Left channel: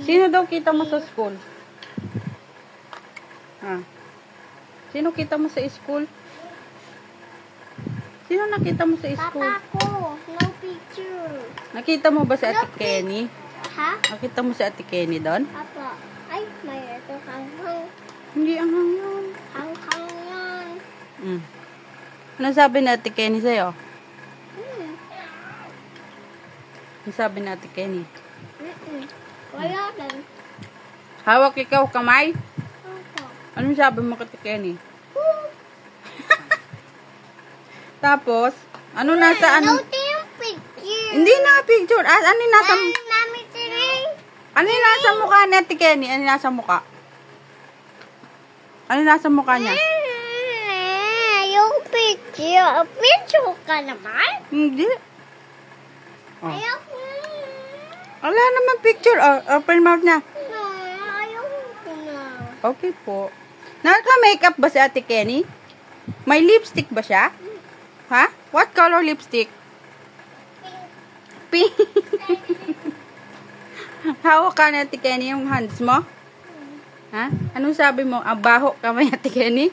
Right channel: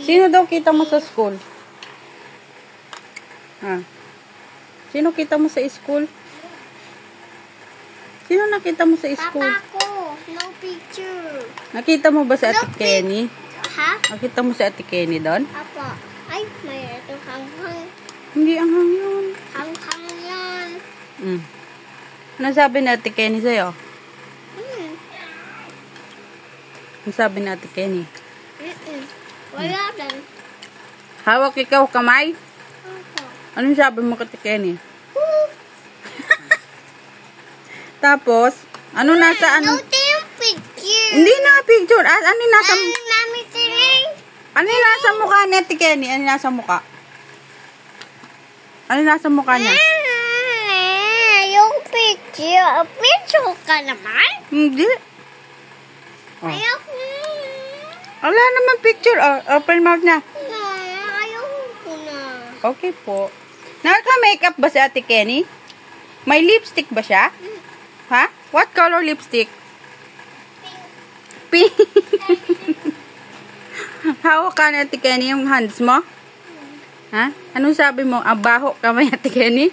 Sino daw kita mo sa school? Sino kita mo sa school? Sino nakita mo sa school? Papa ko. No picture. Nakita mo ba si Ate Kenny? Ha? Nakita mo si Ate Kenny doon? Apa? Ay, may ito hanghang. Hindi ang hangyon. Hanghang yan. Ano sabi ni Ate Kenny sa'yo? Ano sabi ni Ate Kenny? Wala din. Hawak ikaw kamay? Opo. Anong sabi mo kay Ate Kenny? Tapos, ano nasa ano? No yung picture. Hindi na picture. Ano yung nasa Mami tiring. ano yung nasa mukha ni Ate Kenny? Ano yung nasa mukha? Ano yung nasa mukha niya? Yung picture. Picture ka naman? Hindi. Ayoko. Wala naman picture. Open mouth na. Ayoko na. Okay po. Naka-makeup ba si Ate Kenny? May lipstick ba siya? Ha? What color lipstick? Pink. Hawak ka ni Ate Kenny yung hands mo? Ha? Anong sabi mo? Abaho ka ba, Ate Kenny?